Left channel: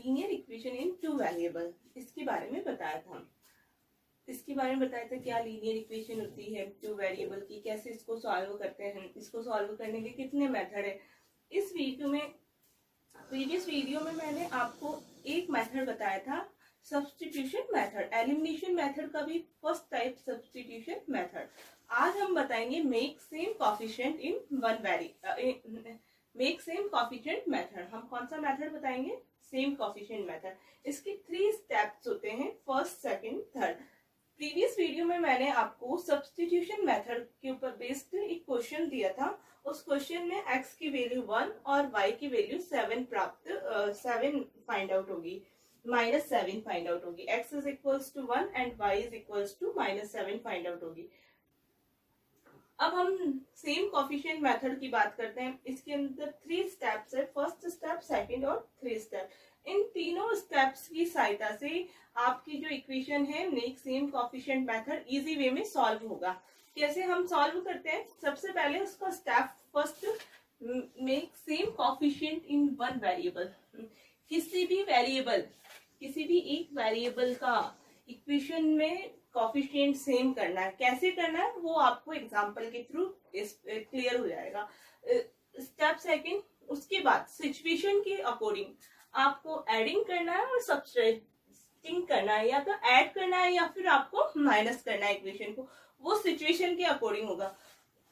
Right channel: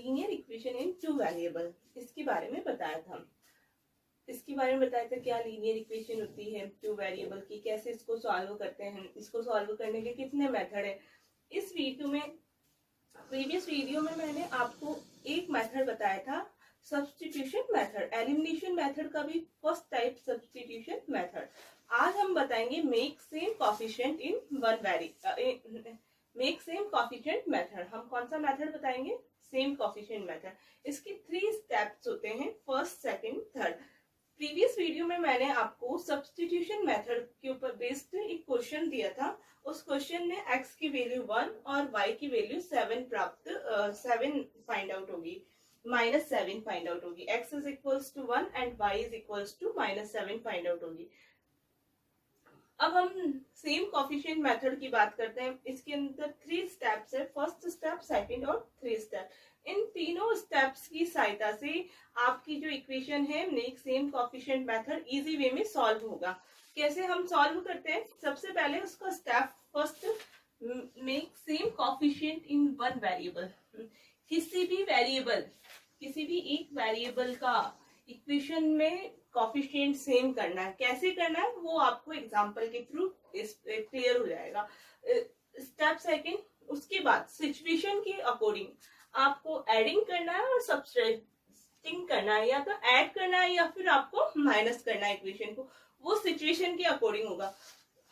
Linear equation in two variable, इसके बारे में बताया था। क्या लीनियर इक्वेशन होती है टू वेरिएबल की, कैसे इसको सॉल्व करते हैं, इसको सॉल्व करने के कितने मेथड है। इस वीडियो में, प्रीवियस वीडियो में मैंने आपको एक मेथड बताया था, सब्स्टिट्यूशन मेथड, एलिमिनेशन मेथड का भी फर्स्ट टाइप सब्स्टिट्यूशन मेथड। आज हम बताएंगे make same coefficient in one make same coefficient method. हम कौन सा मेथड बताएंगे? Same coefficient method. इसके 3 स्टेप्स होते हैं, first, second, third. Previous video में मैंने आपको सब्स्टिट्यूशन मेथड के ऊपर बेस्ड एक क्वेश्चन दिया था। उस क्वेश्चन में x की वैल्यू 1 और y की वैल्यू 7 फाइंड आउट होगी, -7 फाइंड आउट होगी। x is equals to 1 and y is equals to -7 find out होगी। अब हम सेम कोफिशिएंट मेथड की बात करते हैं। इसके अंदर 3 स्टेप्स है, फर्स्ट स्टेप, सेकंड और 3 स्टेप। इन तीनों स्टेप्स की सहायता से आपकी जो इक्वेशन है make same coefficient method easy way में सॉल्व होगा। कैसे हम सॉल्व करते हैं? सबसे पहले उसका step first, make same coefficient in one variable. किसी भी एक वेरिएबल का इक्वेशन में कोफिशिएंट सेम करना है। कैसे करना है वो आपको एग्जांपल के थ्रू क्लियर हो जाएगा। स्टेप सेकंड, उसके बाद सिचुएशन के अकॉर्डिंग आपको एडिंग करना है और सब्ट्रैक्टिंग करना है, या तो ऐड करना है या फिर आपको माइनस करना है इक्वेशन को, वो सिचुएशन के अकॉर्डिंग होगा।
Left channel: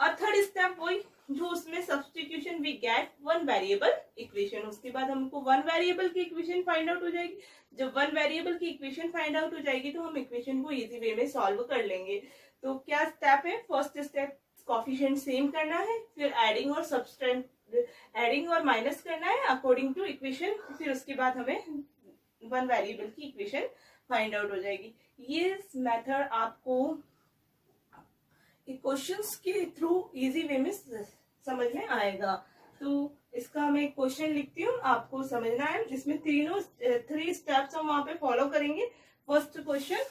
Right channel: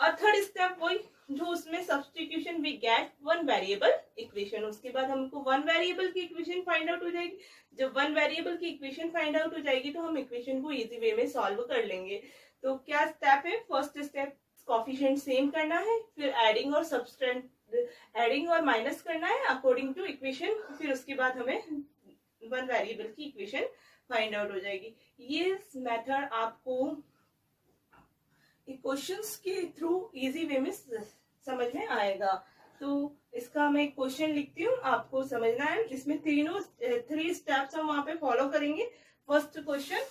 और थर्ड स्टेप वही जो उसमें substitution we get one variable equation. उसके बाद हमको वन वेरिएबल की इक्वेशन फाइंड आउट हो जाएगी। जब वन वेरिएबल की इक्वेशन फाइंड आउट हो जाएगी तो हम इक्वेशन को इजी वे में सॉल्व कर लेंगे। तो क्या स्टेप है? फर्स्ट स्टेप कोफिशिएंट सेम करना है, फिर एडिंग और माइनस करना है अकॉर्डिंग टू इक्वेशन, फिर उसके बाद हमें वन वेरिएबल की इक्वेशन फाइंड आउट हो जाएगी। ये मेथड आपको क्वेश्चंस के थ्रू इजी वे में समझ में आएगा। तो इसका मैं क्वेश्चन लिखती हूँ, आपको समझना है। इसमें 3 स्टेप्स हम वहां पे फॉलो करेंगे। फर्स्ट क्वेश्चन,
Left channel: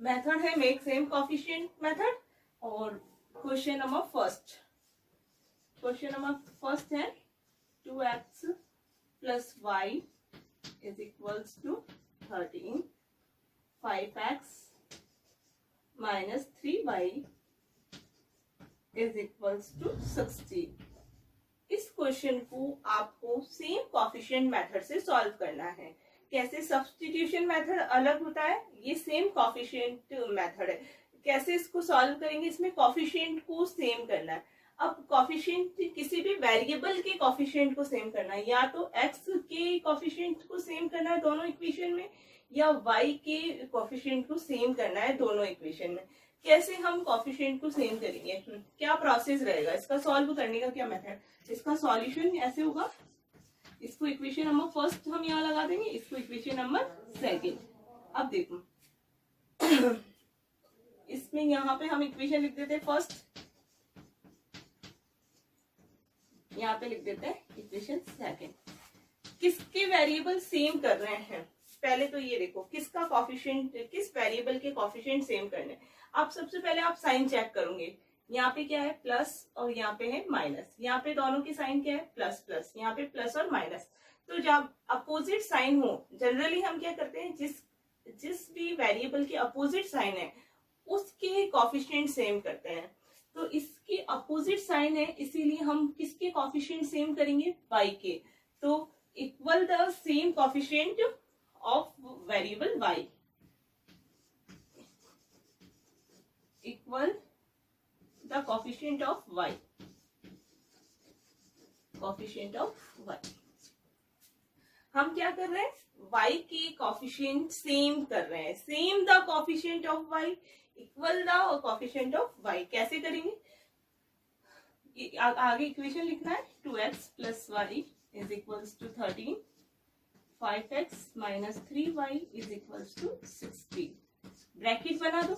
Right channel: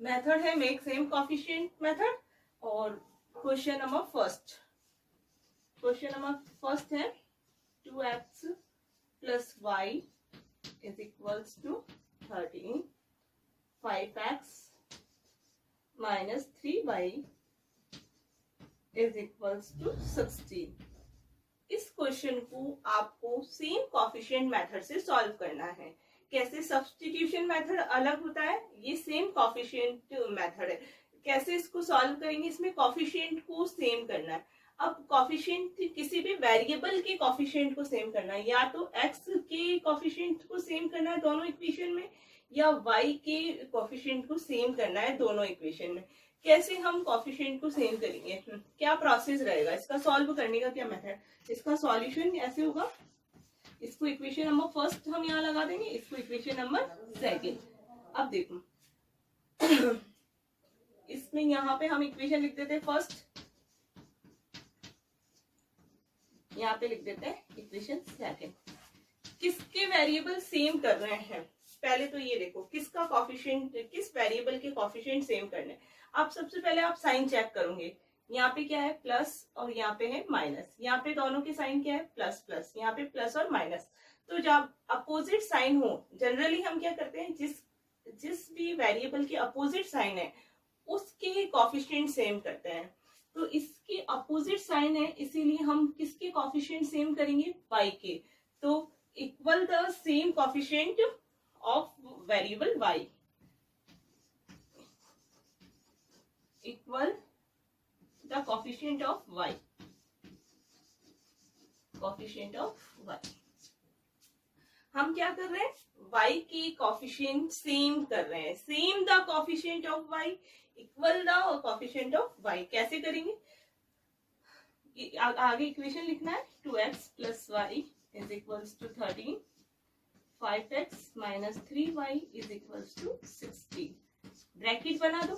मेथड है मेक सेम कोफिशिएंट मेथड। और क्वेश्चन नंबर फर्स्ट है 2x + y is equals to 13, 5x minus 3y is equals to 16। इस क्वेश्चन को आपको सेम कोफिशिएंट मेथड से सॉल्व करना है। कैसे? सब्स्टिट्यूशन मेथड अलग होता है, ये सेम कोफिशिएंट मेथड है। कैसे इसको सॉल्व करेंगे? इसमें कोफिशिएंट को सेम करना है। अब कोफिशिएंट, किसी भी वेरिएबल के कोफिशिएंट को सेम करना है, या तो x के कोफिशिएंट को सेम करना है दोनों इक्वेशन में, या y के कोफिशिएंट को सेम करना है दोनों इक्वेशन में। कैसे हम कोफिशिएंट को सेम करेंगे? क्या प्रोसेस रहेगा इसका सॉल्व करने का? क्या मेथड? इसका सॉल्यूशन ऐसे होगा, इसको इक्वेशन नंबर फर्स्ट हम यहाँ लगा देंगे, इसको इक्वेशन नंबर सेकंड। अब देखो इसमें यहाँ पे हम इक्वेशन लिख देते हैं फर्स्ट, यहाँ पे लिख देते हैं इक्वेशन सेकंड। किसके वेरिएबल सेम कर रहे हैं? पहले तो ये देखो किसका कोफिशिएंट, किस वेरिएबल के कोफिशिएंट सेम करने। अब सबसे पहले आप साइन चेक करोगे, यहाँ पे क्या है प्लस और यहाँ पे है माइनस, यहाँ पे दोनों के साइन क्या है प्लस प्लस, यहाँ पे प्लस और माइनस। तो जब अपोजिट साइन हो, जनरली हम क्या करते हैं, जिस भी वेरिएबल के अपोजिट साइन है उसके कोफिशिएंट सेम करते हैं। तो इसके अपोजिट साइन है, इसीलिए हम किसके कोफिशिएंट सेम करेंगे? y के। तो equal the same coefficient of variable y, equal the coefficient of y, coefficient of y। हम क्या कर रहे हैं? y की कोफिशिएंट सेम कर रहे हैं। Same the coefficient of y equal the coefficient of y। कैसे करेंगे? आगे इक्वेशन लिखना है 2x + y is equals to 13, 5x minus 3y is equals to 16। Bracket बना दो।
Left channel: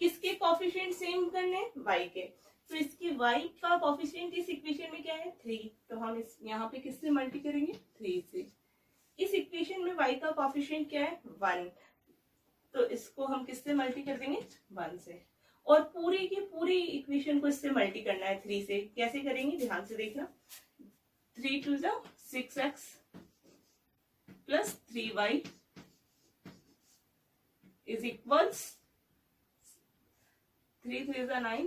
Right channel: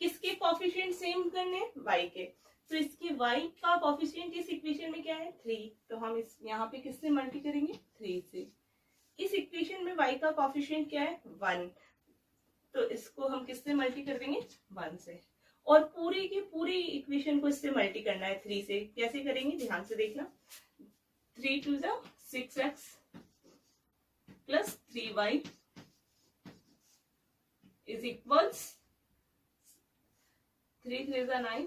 किसके कोफिशिएंट सेम करने? y के। तो इसके y का कोफिशिएंट इस इक्वेशन में क्या है? 3। तो हम इस यहाँ पे किससे मल्टी करेंगे? 3 से। इस इक्वेशन में y का कोफिशिएंट क्या है? 1। तो इसको हम किससे मल्टी कर देंगे? 1 से। और पूरी की पूरी इक्वेशन को इससे मल्टी करना है 3 से। कैसे करेंगे ध्यान से देखना। 3 2 जा 6x plus 3y is equals 3 3 जा 9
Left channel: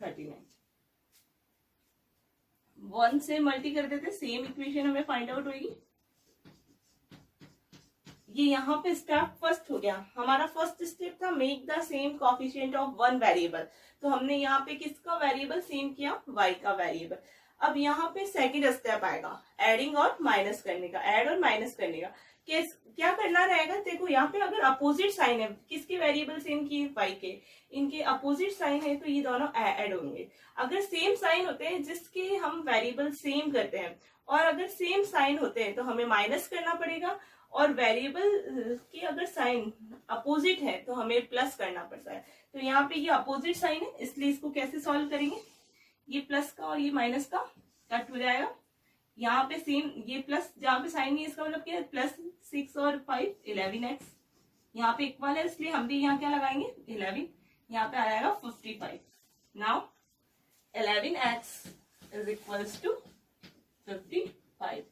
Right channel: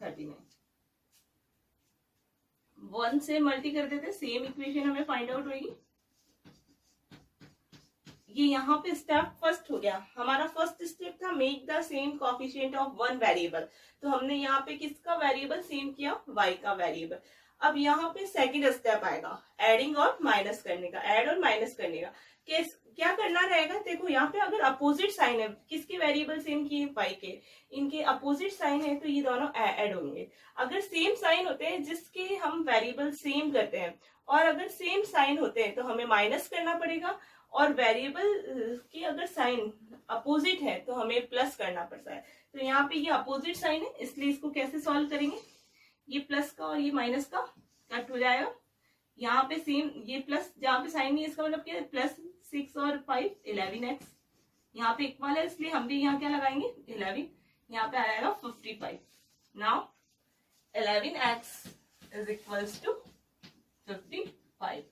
39। 1 से मल्टी कर देते, सेम इक्वेशन हमें फाइंड आउट होगी। ये यहाँ पे स्टेप फर्स्ट हो गया। हमारा फर्स्ट स्टेप था make the same coefficient of one variable. तो हमने यहाँ पे किसका वेरिएबल सेम किया, y का वेरिएबल। अब यहाँ पे सेकंड स्टेप आएगा एडिंग और माइनस करने का, ऐड और माइनस करने का। क्या करना रहेगा, देखो यहाँ पे अगर अपोजिट साइन है, किसके वेरिएबल सेम किए, y के, इनके अपोजिट साइन है तो ये दोनों ऐड होंगे। अगर सेम साइन होते हैं जिसके हम वेरिएबल सेम करते हैं, और अगर सेम साइन होते हैं तो हमें माइनस करना पड़ेगा, और वेरिएबल की अगर साइन अपोजिट है तो हमें प्लस करना पड़ता है। तो यहाँ पे ये अपोजिट साइन है, इसलिए इसको कैसे सॉल्व करेंगे, ये प्लस का और ये माइनस का कट हो जाएगा। यहाँ पे सेम ये प्लस, जहाँ पे साइन नहीं है इसका मतलब क्या है, प्लस 6 और 5 11x। यहाँ पे इक्वल है इसलिए हम भी यहाँ क्या लगाएंगे 11, यहाँ पे आ जाएगा 55। Now 11x is equals to 55,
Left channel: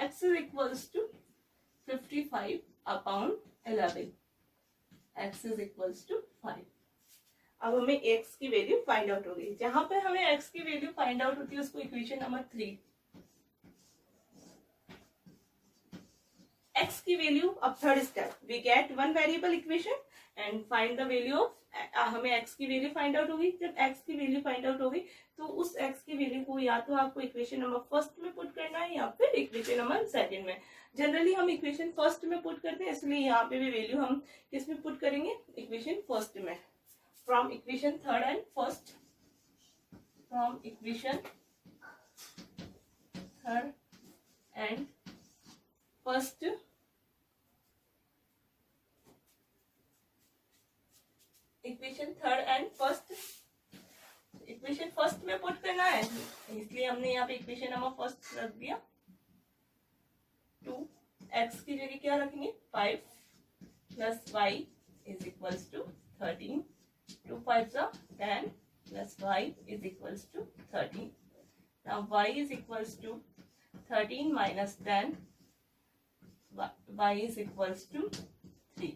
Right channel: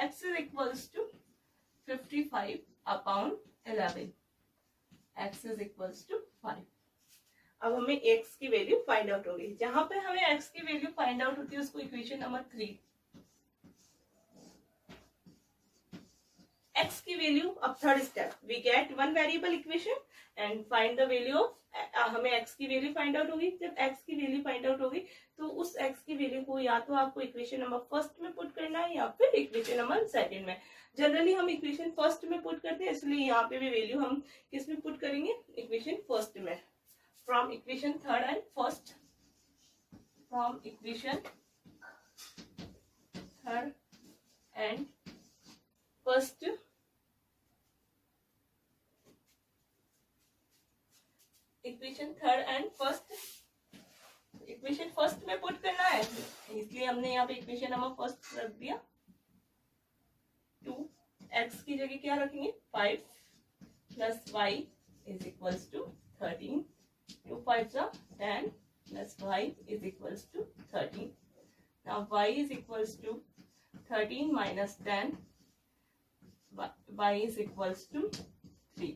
x is equals to 55 upon 11, x is equals to 5। अब हमें x की वैल्यू फाइंड आउट हो गई। जहां पे हमें x की वैल्यू फाइंड आउट होती है उसको इक्वेशन नंबर 3। x की वैल्यू, अब third step, we get one variable equation and find the value of, हमें x की वैल्यू फाइंड आउट हो गई। जब x की वैल्यू फाइंड आउट हो गई तो उस x की वैल्यू को या तो आपको इक्वेशन नंबर फर्स्ट में पुट करना है या फिर इक्वेशन नंबर सेकंड में। जनरली हम इक्वेशन फर्स्ट में पुट करते हैं, इसलिए यहाँ पे भी वैल्यू हम किस में पुट करेंगे, इक्वेशन फर्स्ट में। From equation third and first, from equation third and first, equation third and first, equation first में पुट करना है, इसलिए हमने यहाँ पे इक्वेशन नंबर फर्स्ट रख दिया। 2x की जगह क्या रखेंगे, 5 plus y is equals to 13, 2 5 10 plus y is equals to 13। Now y is equals to 13 minus 10, y is equals to 3।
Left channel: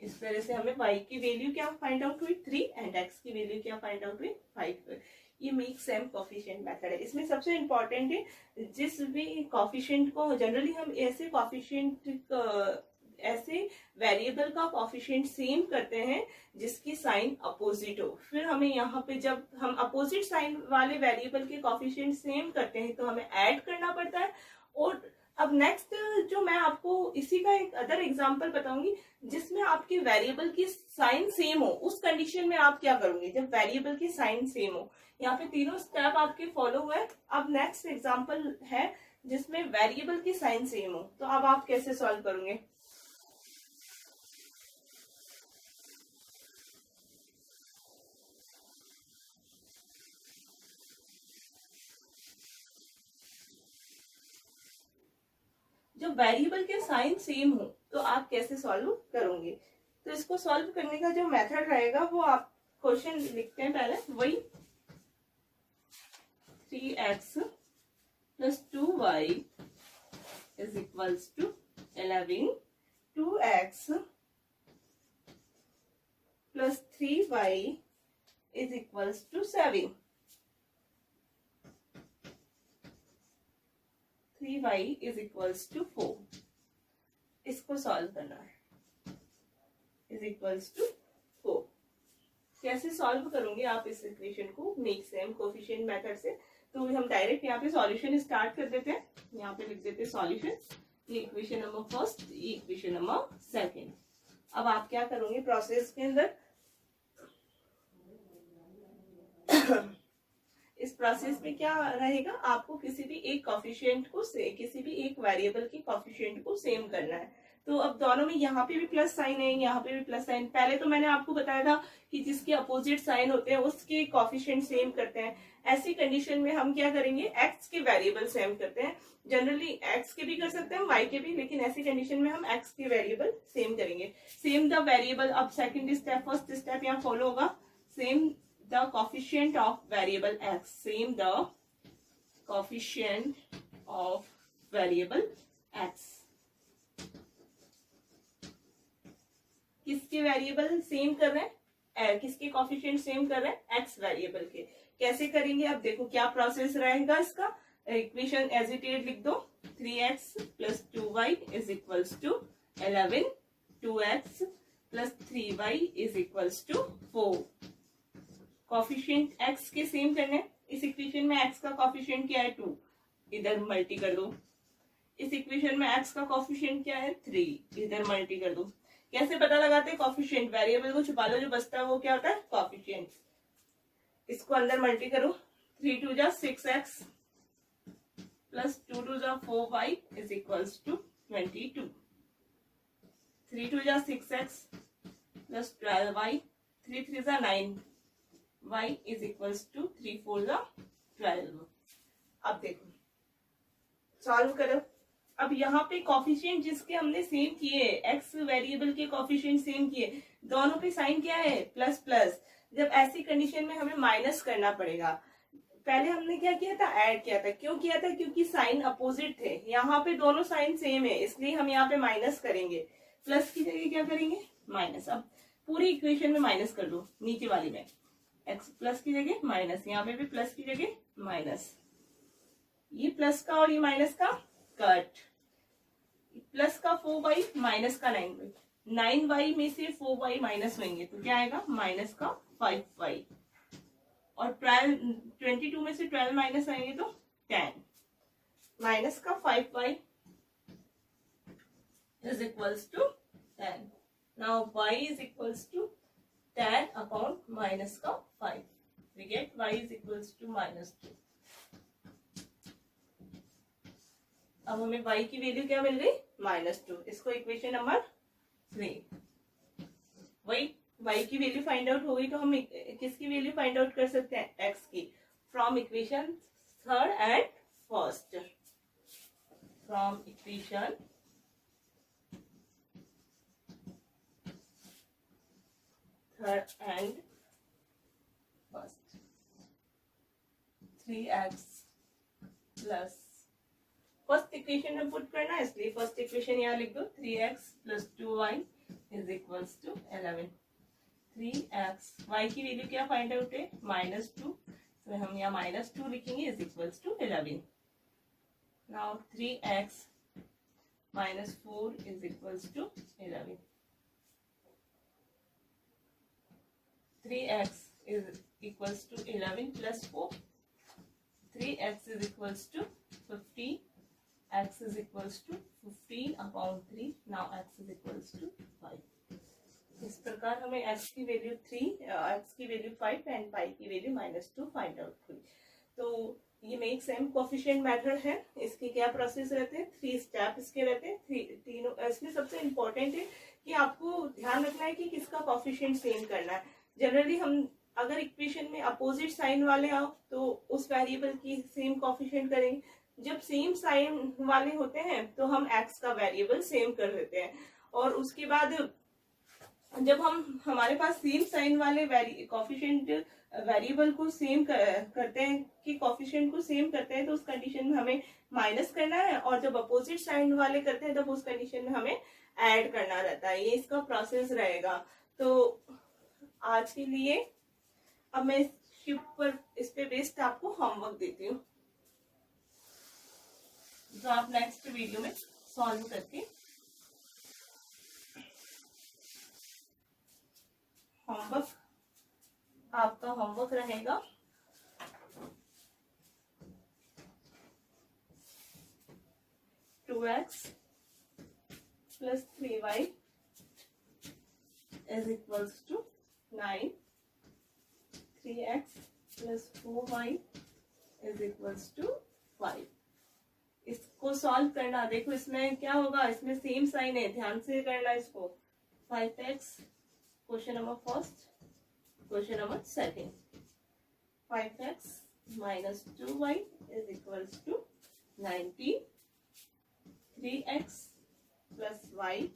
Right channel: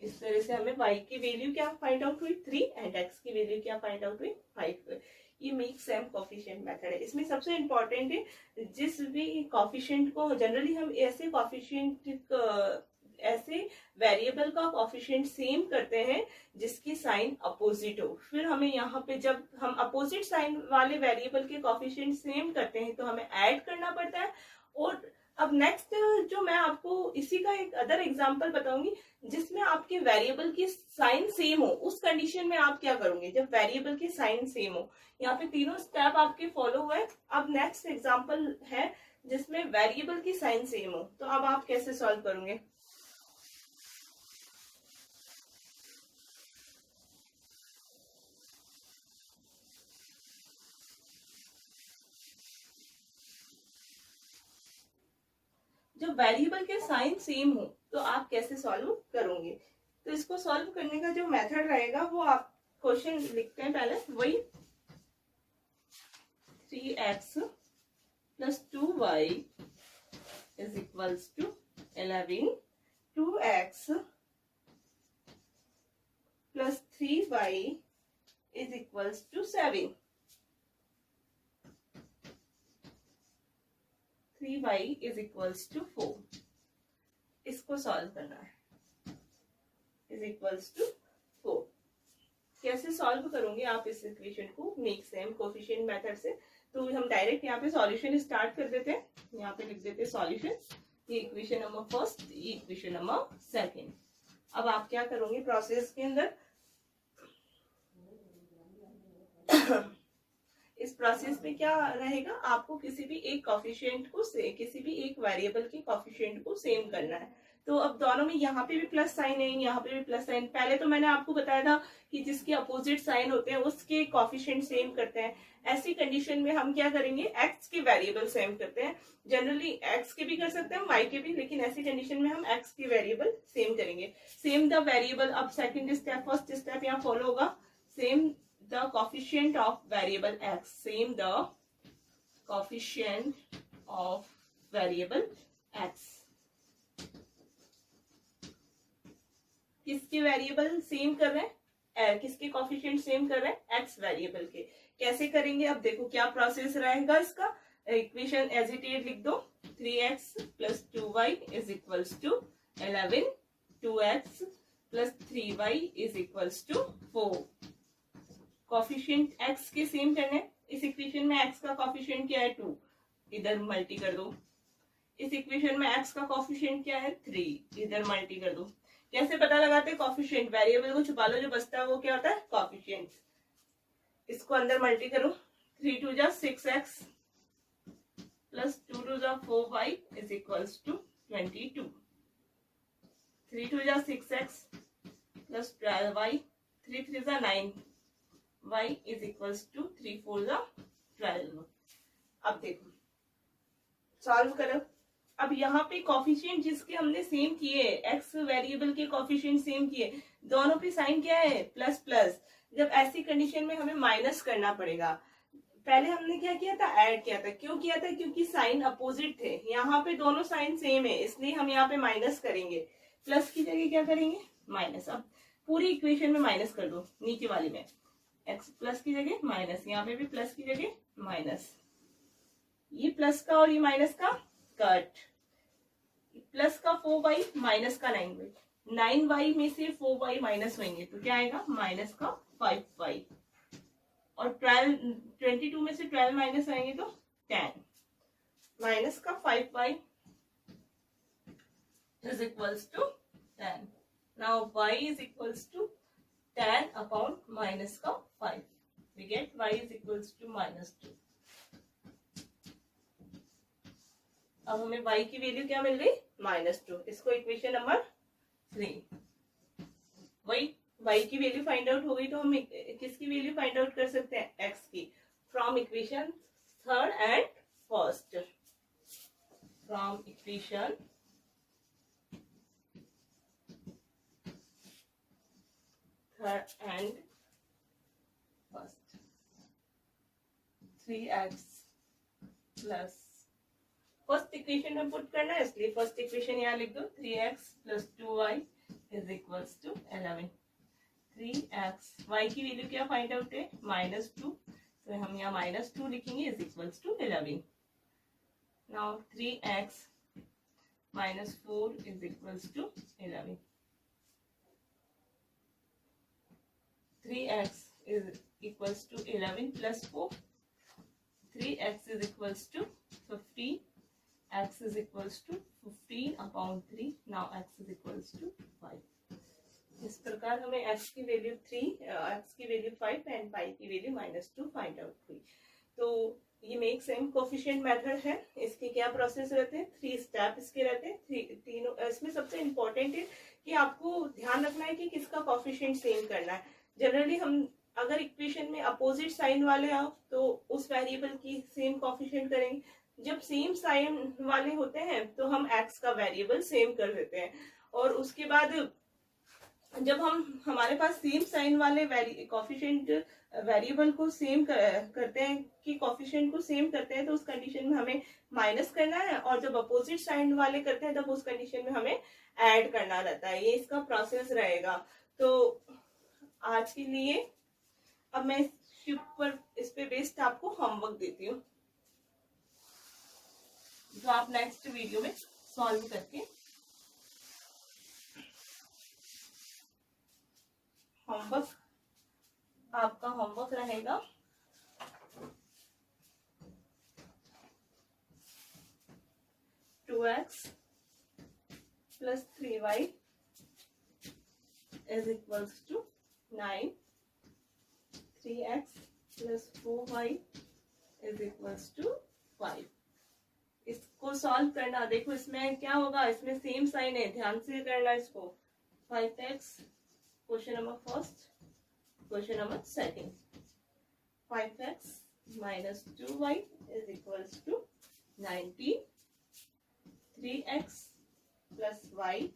इस तरह से हमें y की वैल्यू क्या फाइंड आउट हुई 3 एंड x की वैल्यू क्या फाइंड आउट हुई 5। ये मेक सेम कोफिशिएंट मेथड है। इसमें सबसे इम्पोर्टेंट है, जिस भी कोफिशिएंट को जनरली हम ऐसे कोफिशिएंट, ऐसे वेरिएबल का कोफिशिएंट सेम करते हैं जिसकी साइन अपोजिट हो। फिर हमें यहाँ पे जब हम अपोजिट साइन वाले वेरिएबल के कोफिशिएंट सेम करते हैं तो हमें ऐड करना पड़ता है। और अब नेक्स्ट जो मैं आपको इसी का एक अदर एग्जांपल बताऊंगी जिसमें आपके वेरिएबल की साइन सेम हो, उस कंडीशन में आप क्या करोगे जब वेरिएबल की साइन सेम हो। यहाँ पे तीनों स्टेप आपके फॉलो हुए। अब नेक्स्ट एग्जांपल है जिसमें वेरिएबल की साइन सेम हो, तो अब आप कैसे सॉल्व करोगे। जब वेरिएबल के साइन सेम हो तो आप कैसे सॉल्व करोगे। तो इसको सॉल्व करने का जो मेथड रहेगा वो आप क्वेश्चन लिखते हैं पहले, वही 3x plus 2y is equals to 11, 2x plus 3y is equals to 7, 3y is equals to 4। इसको सॉल्व करना है, इज इक्वल्स टू 4। कैसे सॉल्व करोगे आप इस इक्वेशन को मेक सेम कोफिशिएंट मेथड से। तो हम डायरेक्ट यहाँ पे सॉल्यूशन स्टार्ट कर देते हैं। यहाँ पे लिख देते हैं सॉल्यूशन, ये इक्वेशन नंबर फर्स्ट, ये इक्वेशन नंबर सेकंड। अब आप क्या करोगे प्रोसेस के अंदर इस प्रोसेस में क्या रहेगा, आपको किसी भी एक कोफिशिएंट को किसी भी एक वेरिएबल के कोफिशिएंट को सेम करना है। तो अब दोनों में यहाँ पे भी प्लस साइन है, यहाँ पे भी प्लस साइन। पहले तो मैंने आपको बताया था कि जिसके अपोजिट साइन होते हैं उसके कॉफिशिएंट सेम करते हैं। ऐसी कंडीशन में हम क्या करेंगे, एक्स के वेरिएबल सेम करते हैं। जनरली एक्स के भी कर सकते हैं, वाई के भी, लेकिन ऐसी कंडीशन में हम एक्स के वेरिएबल सेम करेंगे। सेम द वेरिएबल, अब सेकंड स्टेप, फर्स्ट स्टेप यहाँ फॉलो होगा। Same the coefficient of variable x, same the coefficient of variable x. किसके वेरिएबल सेम कर रहे हैं, किसके कोफिशिएंट सेम कर रहे हैं, एक्स वेरिएबल के। कैसे करेंगे, अब देखो क्या प्रोसेस रहेगा इसका। इक्वेशन एज इट इज लिख दो, 3x + 2y = 11, 2x + 3y = 4। Coefficient x के सेम करने। इस इक्वेशन में x का कोफिशिएंट क्या है, 2, इधर मल्टी कर दो। इस इक्वेशन में x का कोफिशिएंट क्या है, 3, इधर मल्टी कर दो। कैसे पता लगाते हैं कोफिशिएंट, वेरिएबल को छुपा लो, जो बचता है वो क्या होता है, कोफिशिएंट। इसको अंदर मल्टी करो, 3 × 2 = 6x + 2 × 2 = 4y = 22। 3 × 2 = 6x + 12y, 3 × 3 = 9, y = 3 × 4 = 12। अब देखो सॉल्व करो। अब यहाँ पे कॉफिशिएंट जिसके हमने सेम किए, एक्स वेरिएबल के कॉफिशिएंट सेम किए, दोनों पे साइन क्या है, प्लस प्लस। जब ऐसी कंडीशन में हमें माइनस करना पड़ेगा। पहले हमने क्या किया था, ऐड किया था। क्यों किया था, क्योंकि साइन अपोजिट थे। यहाँ पे दोनों साइन सेम है, इसलिए हम यहाँ पे माइनस करेंगे। प्लस की जगह क्या करेंगे, माइनस। अब पूरी इक्वेशन में माइनस कर दो, नीचे वाली में एक्स प्लस की जगह माइनस, यहाँ पे भी प्लस की जगह माइनस। ये प्लस का और ये माइनस का कट। प्लस का 4y, माइनस का 9y। 9y में से 4y माइनस होंगे तो क्या आएगा, माइनस का 5y। और 22 में से 12 माइनस आएंगे तो 10। माइनस का 5y = 10। Now y = 10 upon minus का 5। We get y = -2। अब हमें y की वैल्यू क्या मिल गई, -2। इसको इक्वेशन नंबर 3। वही y की वैल्यू फाइंड आउट हो गई तो हम किसकी वैल्यू फाइंड आउट कर सकते हैं, x की, from equation third and first. From equation third and first. 3x plus first equation में पुट करना है, इसलिए फर्स्ट इक्वेशन यहाँ लिख दो, 3x + 2y = 11। 3x, y की वैल्यू क्या फाइंड आउट है, -2, तो हम यहाँ -2 लिखेंगे, = 11। Now 3x - 4 = 11। 3x = 11 + 4, 3x = 15, x = 15 upon 3। now x = 5। इस प्रकार हमें x की वैल्यू 3, x की वैल्यू 5 एंड y की वैल्यू -2 फाइंड आउट हुई। तो ये मेक सेम कोफिशिएंट मेथड है। इसके क्या प्रोसेस रहते हैं, 3 स्टेप इसके रहते हैं। तीनों इसमें सबसे इम्पोर्टेंट है कि आपको ध्यान रखना है कि किसका कोफिशिएंट सेम करना है। जनरली हम अगर इक्वेशन में अपोजिट साइन वाले आओ तो उस वेरिएबल की सेम कोफिशिएंट करेंगे। जब सेम साइन वाले होते हैं तो हम एक्स का वेरिएबल सेम कर देते हैं। और उसके बाद जब हमारे पास सेम साइन वाले कोफिशिएंट वेरिएबल को सेम करते हैं कि कोफिशिएंट को सेम करते हैं तो उस कंडीशन में हमें माइनस करना है। और जब अपोजिट साइन वाले करते हैं तब उस कंडीशन में हमें ऐड करना रहता है। ये इसका प्रोसेस रहेगा। तो आज के लिए अब मैं इस पे बेस्ड आपको होमवर्क देती हूँ, जो आप नेक्स्ट वीडियो में सॉल्व करके आपका होमवर्क रहेगा 2x + 3y = 9, 3x + 4y = 5। इसको सॉल्व करना, देखो इसमें क्या होगा, इसमें सेम साइन है, ध्यान से करना इसको। 5x question number first, question number second, 5x minus 2y is equals to 90, 3x plus y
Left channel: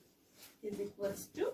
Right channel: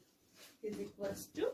is equals to